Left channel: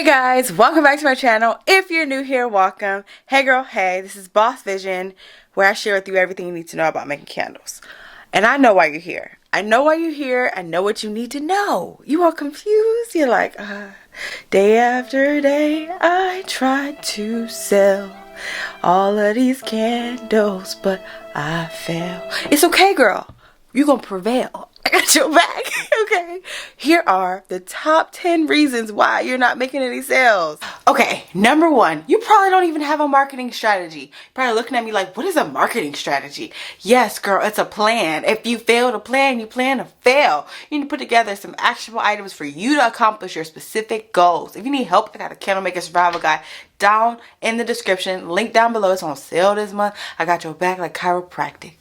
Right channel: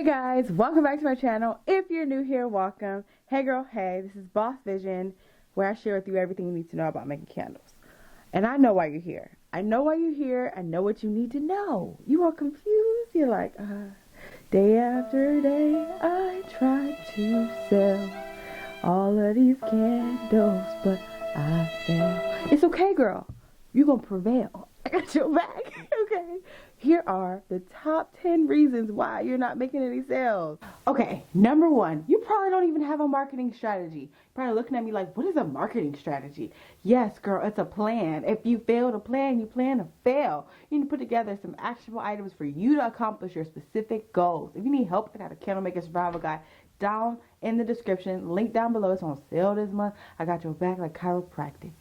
Hey guys, welcome back to my channel. If you're new here, welcome. Hey girl, hey, this is Boss Vision, where I share with you everything you need to know about making candles. And I know why you're here. I know why you're here. I know what you need to know. You are confused. You're like, day after day, I try to sell all of these candles, but I fail. It's okay, girl. You're gonna prevail. I got your back, okay? Here are the top 10 reasons why you're not making any sales. Okay, number one, you probably don't even have a marketing strategy. You're probably looking at me like, what is a marketing strategy? Yes, girl, it's a plan. If you fail to plan, you plan to fail. You need to put together some actionable items for you to accomplish your specific goals. If you need help, I got a candle maker survival guide down in the description. Link down below. It's on sale this month. I got your back like chiropractic.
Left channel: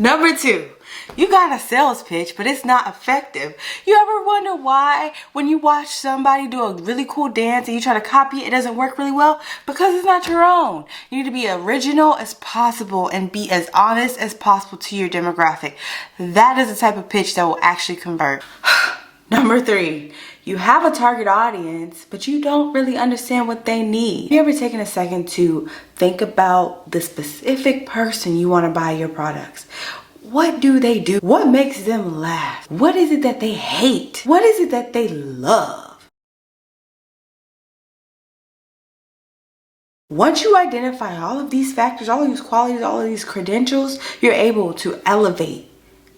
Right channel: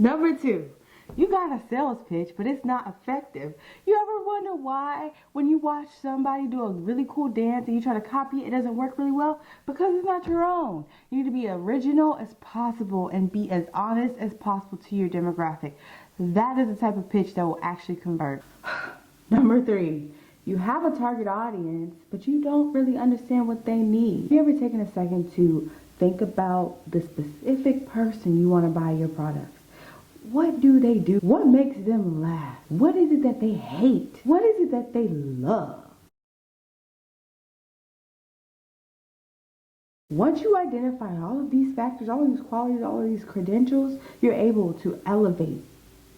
Number two, you got a sales pitch, but it's not effective. You ever wonder why when you watch somebody do a really cool dance and you try to copy it, it doesn't work really well? Because it's not your own. You need to be original as possible and be as honest as possible to your demographic. That is the type of pitch that will actually convert. Number three, you have a target audience, but you don't really understand what they need. Have you ever taken a second to think about the specific person you want to buy your products? What do they do? What makes them laugh? What is it that they hate? What is it that they love? Once you identify all of these factors, all of these qualities, all of these credentials, you're able to elevate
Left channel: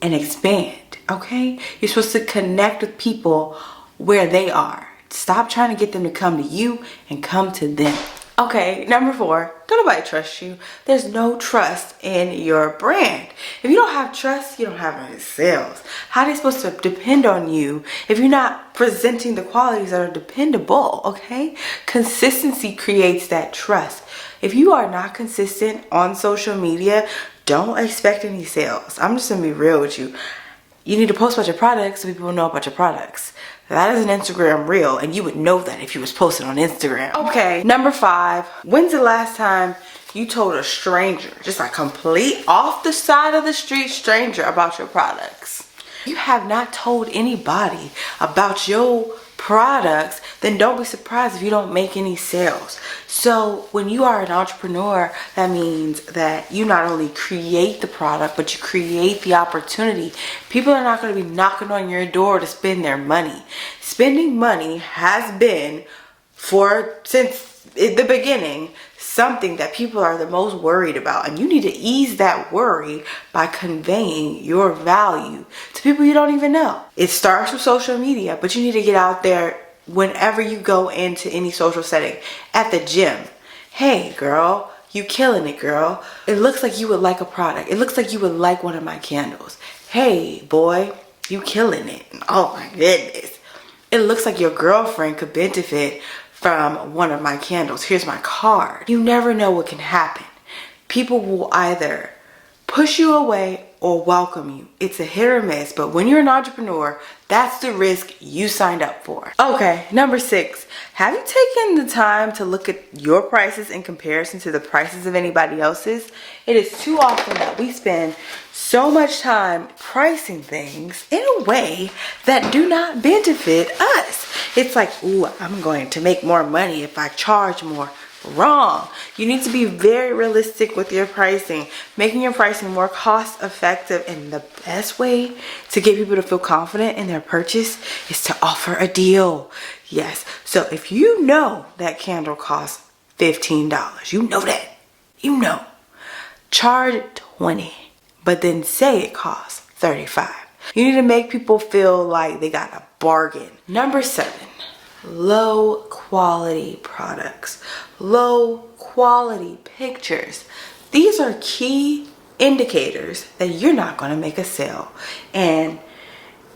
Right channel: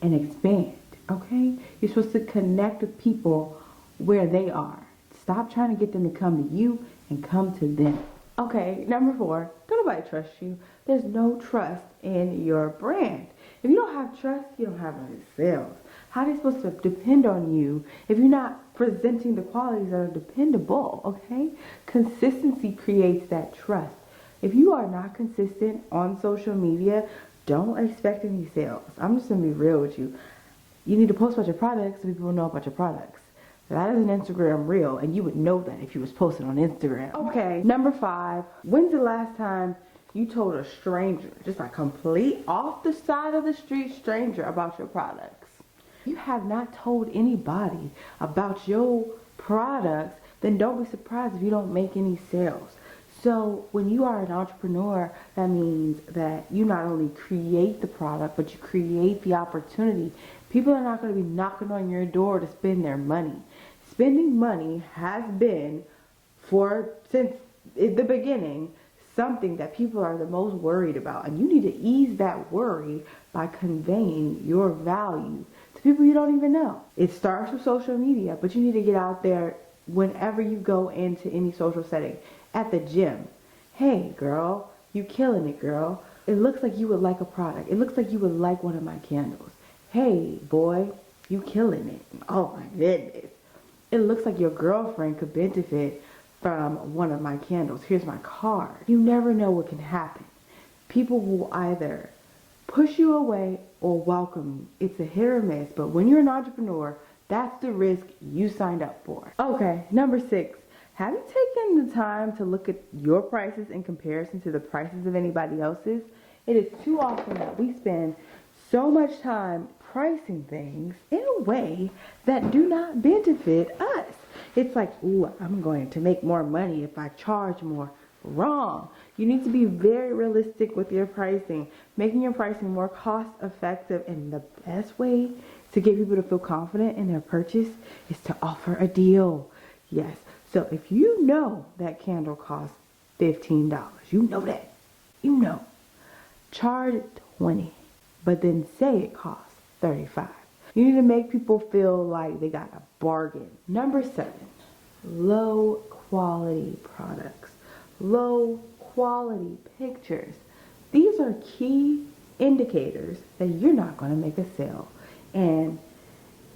and expand, okay? You're supposed to connect with people where they are. Stop trying to get them to come to you and come to them. Okay, number four, don't nobody trust you. There's no trust in your brand. If you don't have trust, you don't have any sales. How are they supposed to depend on you if you're not presenting the qualities that are dependable, okay? Consistency creates that trust. If you are not consistent on social media, don't expect any sales. I'm just gonna be real with you. You need to post about your products so people will know about your products. That is an Instagram reel, and you would know that if you was posting on Instagram. Okay, number five, when's the last time you told a stranger, just like complete off the side of the street stranger, about your products? You have not told anybody about your products, then don't be surprised if you don't make any sales. So when you are an entrepreneur, that means that you not only create the product, but you create the opportunity. People are not going to be knocking on your door to spend their money. Spending money has been, since the beginning, something that people are the most worried about, and you need to ease that worry by conveying your value to people you don't even know. It starts with social media, but you need to get out there whenever you go into any social setting. At the gym, hey girl, you killing it, girl. It looks like you would like a product. It looks like you would like one of my candles. Hey boy, you killing it. Oh my goodness. It looks like your girlfriend could benefit from one of my candles. Here's my card. You never know what can happen. People will either push you away or welcome you. It's a hit or miss, but when you're an entrepreneur, that's the risk you signed up for. Okay, number six, have you taken the time to look at your prices in comparison to the prices of anybody else's? It is too often that we spend so much time pricing things in a way that do not benefit us. It's like, ooh, I'm going to make more money if I charge more. Wrong. You need to be very realistic with your pricing, making your pricing more cost effective, and the best way to get people to feel confident in their purchase is to offer a deal. Yes, so if you know that candle costs $15, you know that, charge $20, but then say it costs $35. You need to make people feel like they got a bargain. Number seven, low quality products, low quality pictures. These are key indicators that you're not going to make a sale. And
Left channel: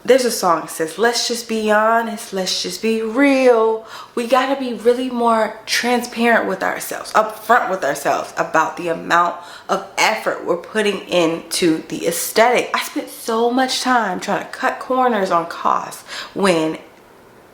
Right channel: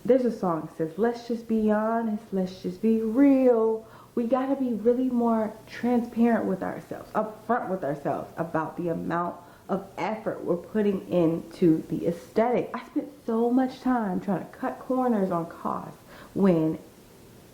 there's a song that says, let's just be honest, let's just be real. We got to be really more transparent with ourselves, upfront with ourselves about the amount of effort we're putting into the aesthetic. I spent so much time trying to cut corners on costs when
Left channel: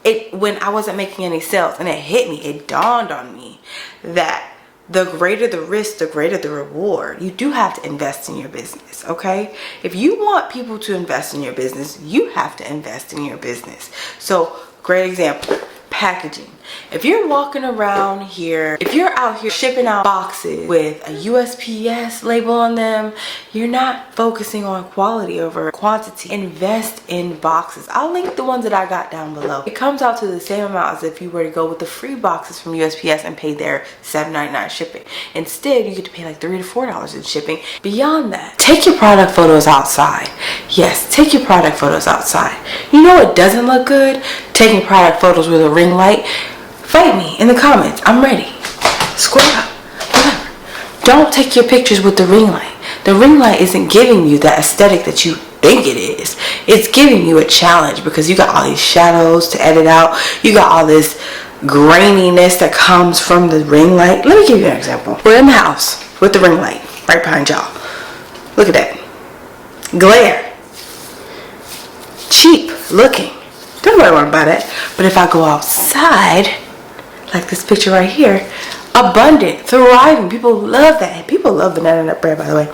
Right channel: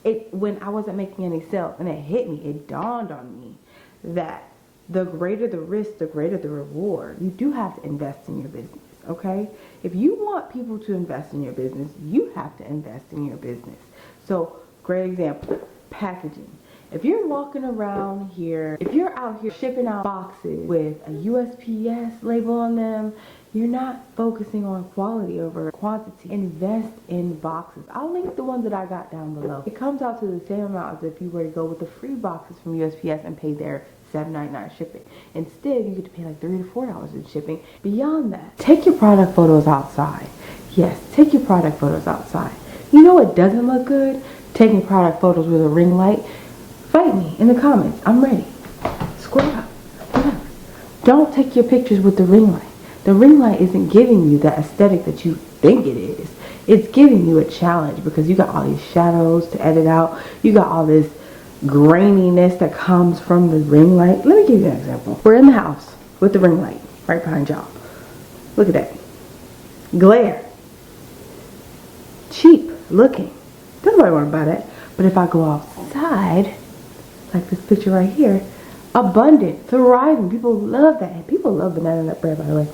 I wasn't making any sales, and it dawned on me that the greater the risk, the greater the reward. You do have to invest in your business, okay? If you want people to invest in your business, you have to invest in your business. So, great example. packaging. If you're walking around here, if you're out here shipping out boxes with a USPS label on them, you're not focusing on quality over quantity. Invest in boxes. I'll link the ones that I got down below. It comes out to the same amount as if you were to go with the free boxes from USPS and pay their $7.99 shipping. Instead, you get to pay like $3 to $4 in shipping. Beyond that, take your product photos outside. Yes, take your product photos outside. You know what doesn't look good? Taking product photos with a ring light. Fight me in the comments. I'm ready. Scroll up. Whatever. Don't take your pictures with the ring light. The ring light isn't giving you that aesthetic that you think it is. It's giving you a challenge because you got all these shadows to edit out. You got all this graininess that comes from the ring light. Let me give you an example. We're in the house with the ring light right behind y'all. Look at that. Glare. Cheap looking. Don't nobody want to buy that. But if I go outside, like this picture right here, abundant, thriving. People love that. People love banana nut bread, by the way.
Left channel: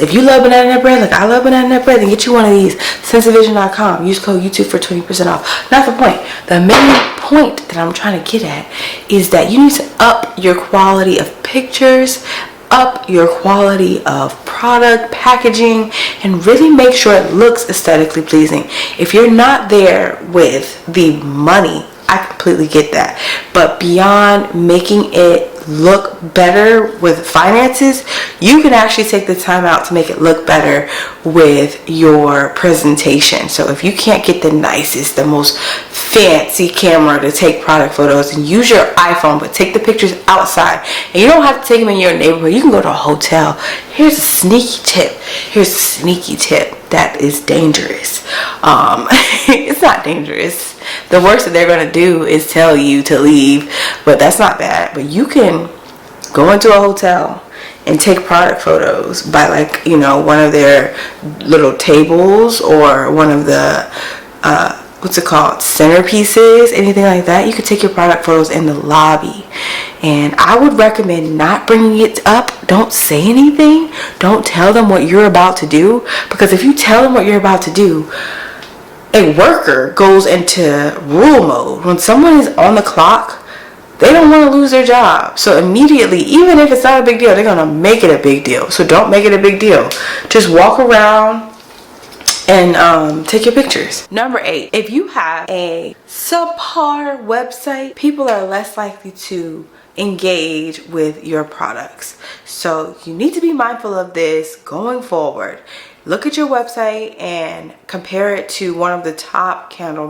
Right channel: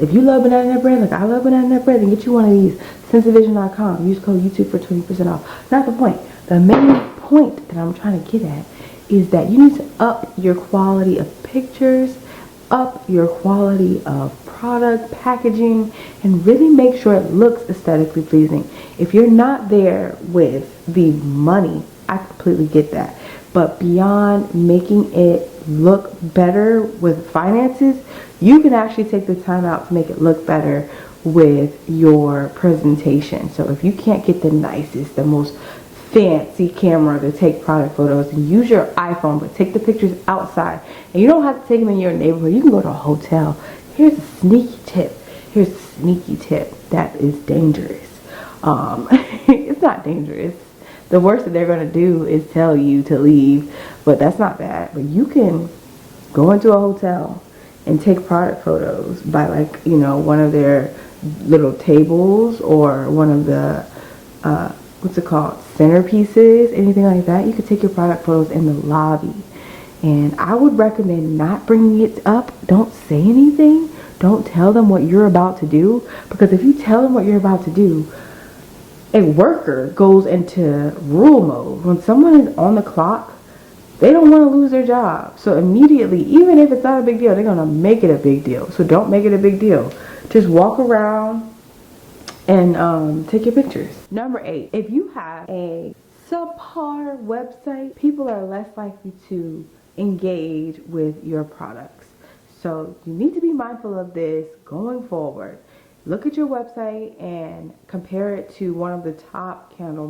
If you love banana nut bread, like I love banana nut bread, then get you one of these. Sensavision.com. Use code YouTube for 20% off. Not the point. The main point that I'm trying to get at is that you need to up your quality of pictures, up your quality of product packaging, and really make sure it looks aesthetically pleasing. If you're not there with the money, I completely get that, but beyond making it look better with finances, you can actually take the time out to make it look better with your presentation. So if you can't get the nicest, the most fancy camera to take product photos, and use your iPhone, but take the pictures outside, and you don't have to take them in your neighborhood. You can go to a hotel. Here's a sneaky tip. Here's a sneaky tip that is dangerous. It's not dangerous. The worst that they're going to do is tell you to leave, but that's not bad. But you can go into a hotel and take product photos by, like, you know, one of their little tables or one of the what's it called, centerpieces, anything like that. You could take your product photos in the lobby. And I would recommend not bringing it up. Don't say anything. Don't tell them what you're about to do, because if you tell them what you're about to do, a worker goes into rule mode. When someone is on the clock, they don't want to lose their job. So immediately, even if it's not a big deal, they're going to make it a big deal. So don't make it a big deal. Just walk around and take your pictures. Number 8, if you have a subpar website, people are less likely to engage with your products. So you need to be mindful of this going forward. Look at your website and compare it to one of the top candle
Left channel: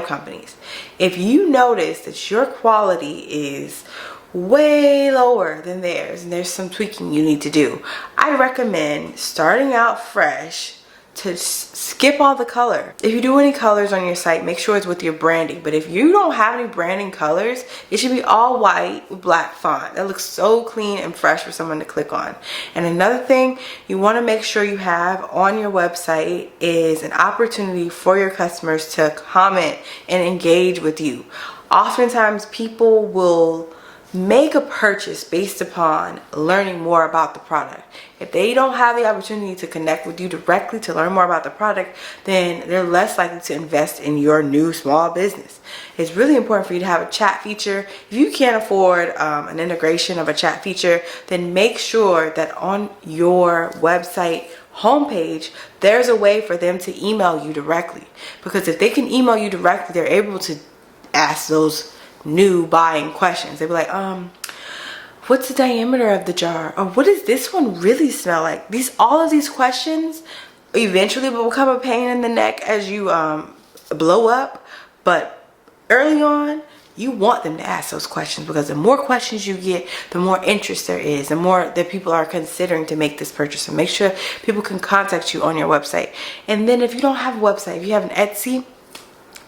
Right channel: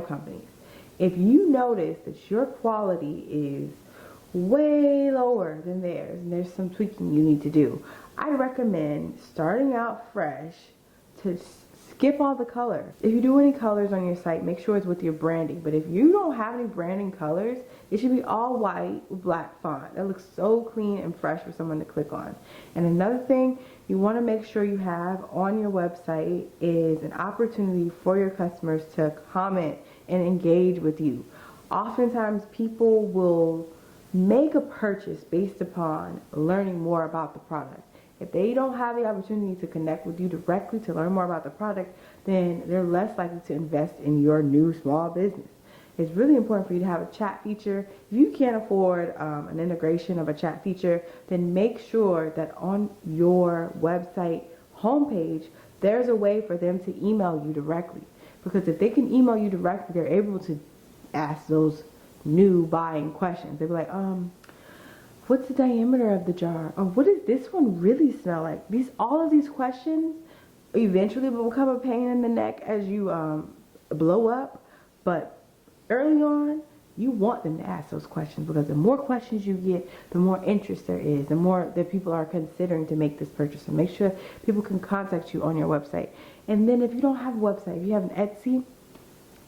companies. If you notice that your quality is way lower than theirs and there's some tweaking you need to do, I recommend starting out fresh to skip all the color. If you do any colors on your site, make sure it's with your branding. But if you don't have any branding colors, it should be all white with black font. That looks so clean and fresh for someone to click on. And another thing you want to make sure you have on your website is an opportunity for your customers to comment and engage with you. Oftentimes people will make a purchase based upon learning more about the product. If they don't have the opportunity to connect with you directly to learn more about the product, then they're less likely to invest in your new small business. It's really important for you to have a chat feature. If you can't afford an integration of a chat feature, then make sure that on your website homepage, there's a way for them to email you directly. Because if they can email you directly, they're able to ask those new buying questions. They'd be like, what's the diameter of the jar? Or what does this one really smell like? All of these questions eventually will become a pain in the neck as you blow up. But early on, you want them to ask those questions, because the more questions you get, the more interest there is, the more that people are considering to make this purchase. So make sure people can contact you on your website. And then if you don't have a website, if you have an Etsy,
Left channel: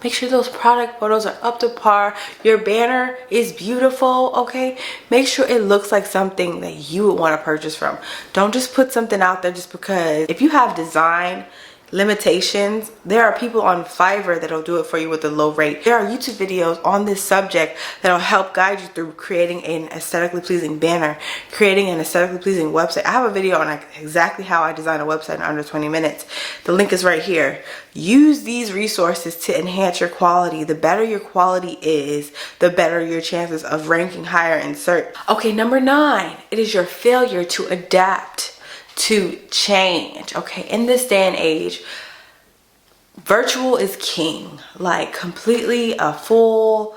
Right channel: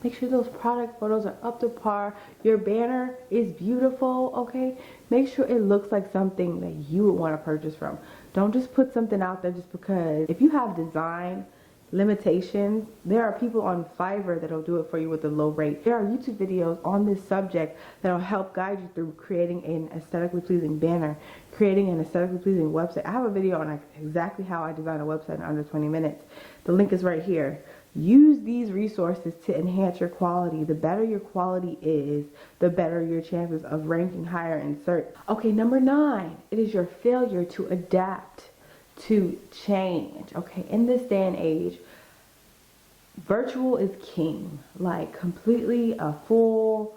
make sure those product photos are up to par. Your banner is beautiful, okay? Make sure it looks like something that you would want to purchase from. Don't just put something out there just because. If you have design limitations, there are people on Fiverr that'll do it for you with a low rate. There are YouTube videos on this subject that'll help guide you through creating an aesthetically pleasing banner, creating an aesthetically pleasing website. I have a video on exactly how I design a website in under 20 minutes. The link is right here. Use these resources to enhance your quality. The better your quality is, the better your chances of ranking higher in search. Okay, number 9, it is your failure to adapt to change. Okay, in this day and age, virtual is king. Like, completely a full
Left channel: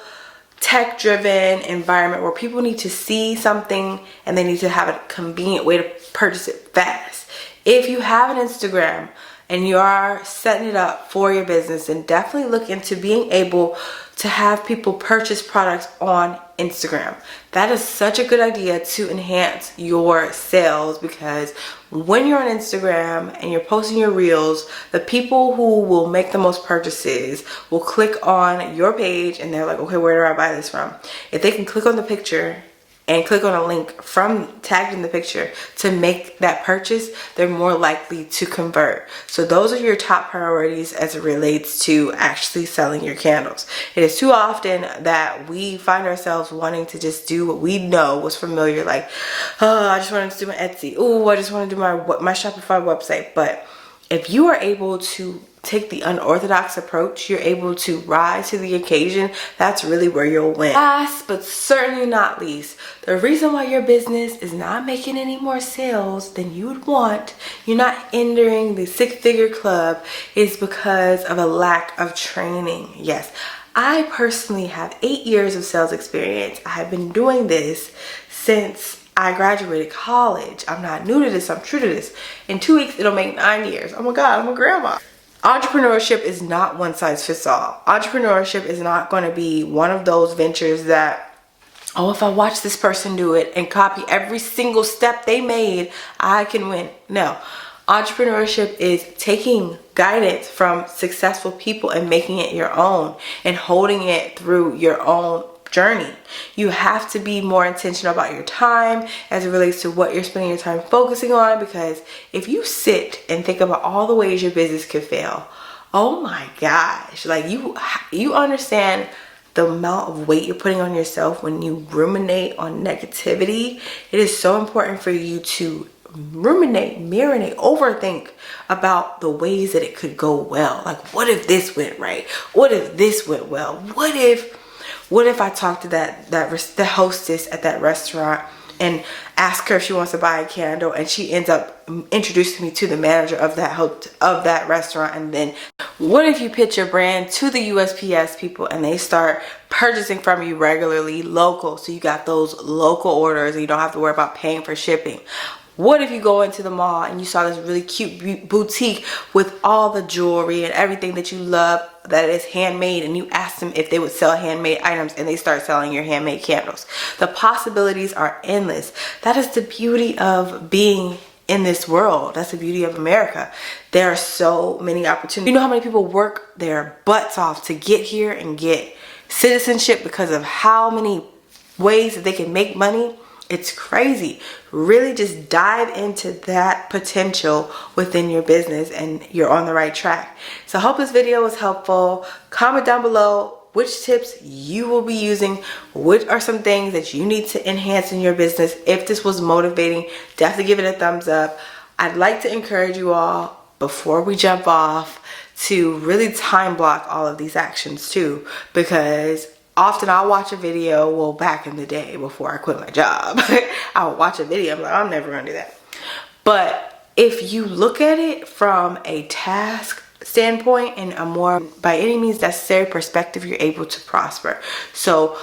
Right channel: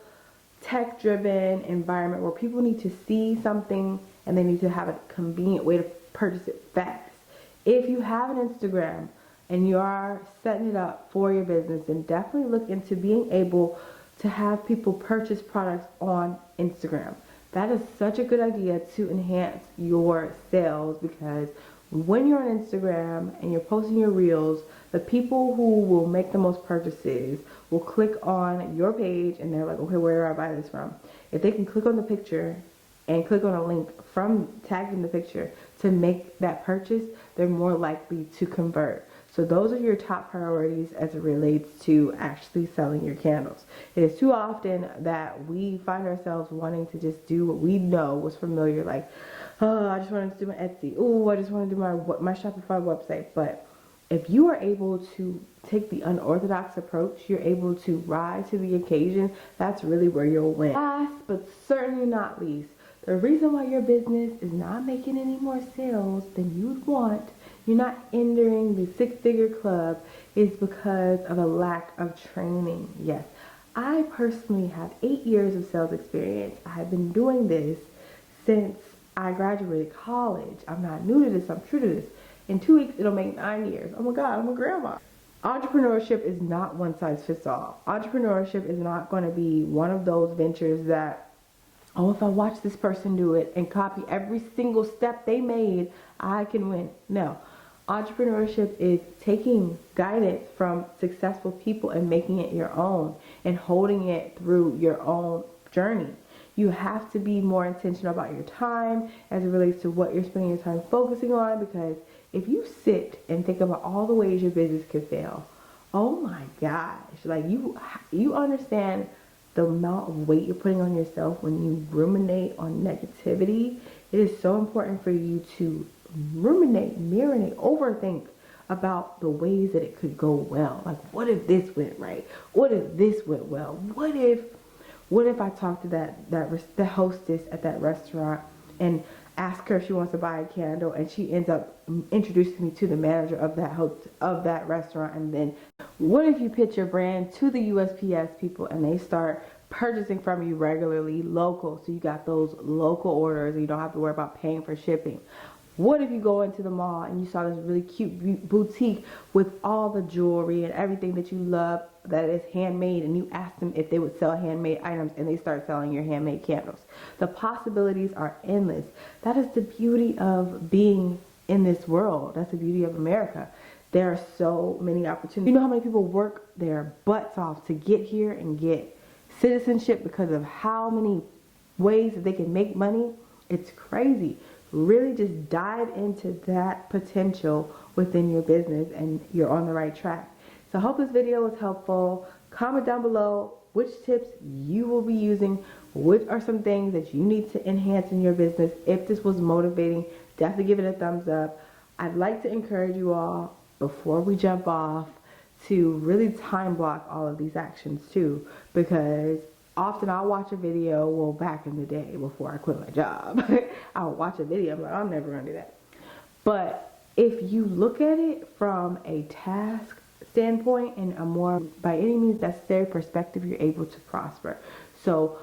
tech driven environment where people need to see something and they need to have a convenient way to purchase it fast. If you have an Instagram and you are setting it up for your business, then definitely look into being able to have people purchase products on Instagram. That is such a good idea to enhance your sales, because when you're on Instagram and you're posting your reels, the people who will make the most purchases will click on your page and they're like, okay, where do I buy this from? If they can click on the picture and click on a link from tagged in the picture to make that purchase, they're more likely to convert. So those are your top priorities as it relates to actually selling your candles. It is too often that we find ourselves wanting to just do what we know was familiar, like, oh, I just wanted to do my Etsy. Oh, I just want to do my Shopify website. But if you are able to take the unorthodox approach, you're able to rise to the occasion, that's really where you'll win. Last but certainly not least, the reason why your business is not making any more sales than you would want, you're not entering the 6-figure club, is because of a lack of training. Yes, I personally have 8 years of sales experience. I have been doing this since I graduated college. I'm not new to this, I'm true to this. In 2 weeks, it'll make 9 years. Oh my God, I'm a grandma. Entrepreneurship is not one size fits all. Entrepreneurship is not going to be one of those ventures that, oh, if I watch this person do it and copy every single step they made, I can win. No. Entrepreneurship is taking guidance from successful people and making it your own and holding it through your own journey. You have to be more intentional about your time as it relates to what you're spending your time focusing on, because if you sit and think about all the ways your business could fail, oh my gosh, like you understand the amount of weight you're putting on yourself when you ruminate on negativity. It is so important for you to ruminate, marinate, overthink about the ways that it could go well. Like, what if this went right? What if this went well? What if I talk to the hostess at that restaurant and ask her if she wants to buy a candle, and she ends up introducing me to the manager of that restaurant? And then what if you pitch your brand to the USPS people and they start purchasing from you regularly, local, so you got those local orders and you don't have to worry about paying for shipping? What if you go into the mall and you saw this really cute boutique with all the jewelry and everything that you love that is handmade, and you ask them if they would sell handmade items, and they start selling your handmade candles? The possibilities are endless. That is the beauty of being in this world. That's the beauty of America. There are so many opportunities. You know how many people work their butts off to get here and get citizenship because of how many ways that they can make money? It's crazy. Really just dive into that potential within your business and you're on the right track. So I hope this video was helpful. Comment down below which tips you will be using. What are some things that you need to enhance in your business? If this was motivating, definitely give it a thumbs up. I'd like to encourage you all, before we jump off, to really time block all of these actions too, because often I'll watch a video, well, back in the day before I quit my job, I'll watch a video, I'm like, I'm never gonna do that. But if you look at it from a task standpoint and a more by any means necessary perspective, you're able to prosper. So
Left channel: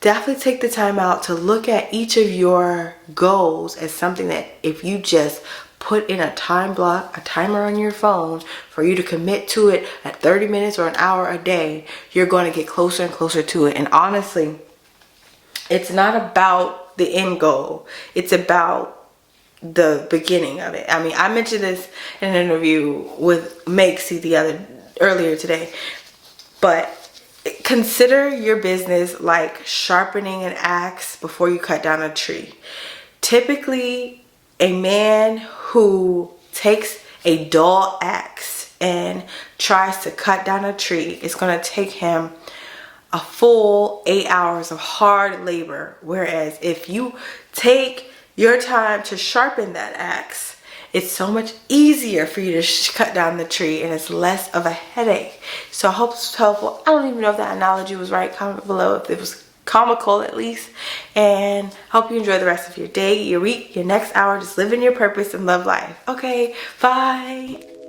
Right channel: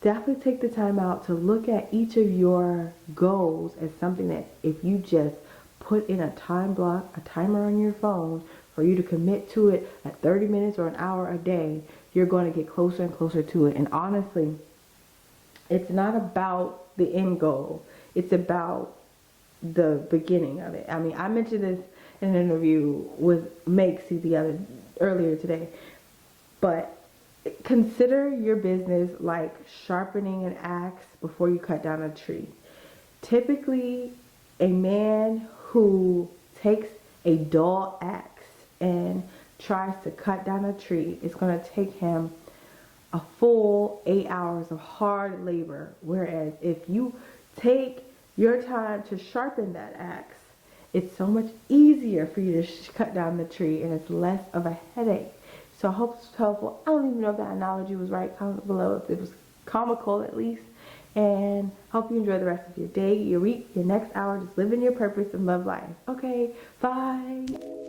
definitely take the time out to look at each of your goals as something that if you just put in a time block, a timer on your phone for you to commit to it at 30 minutes or an hour a day, you're going to get closer and closer to it. And honestly, it's not about the end goal. It's about the beginning of it. I mean, I mentioned this in an interview with Makesy earlier today, but consider your business like sharpening an axe before you cut down a tree. Typically, a man who takes a dull axe and tries to cut down a tree, it's going to take him a full 8 hours of hard labor. Whereas if you take your time to sharpen that axe, it's so much easier for you to cut down the tree, and it's less of a headache. So I hope it's helpful. I don't even know if that analogy was right. Comment below if it was comical at least. And hope you enjoy the rest of your day, your week, your next hour. Just live in your purpose and love life. Okay, bye.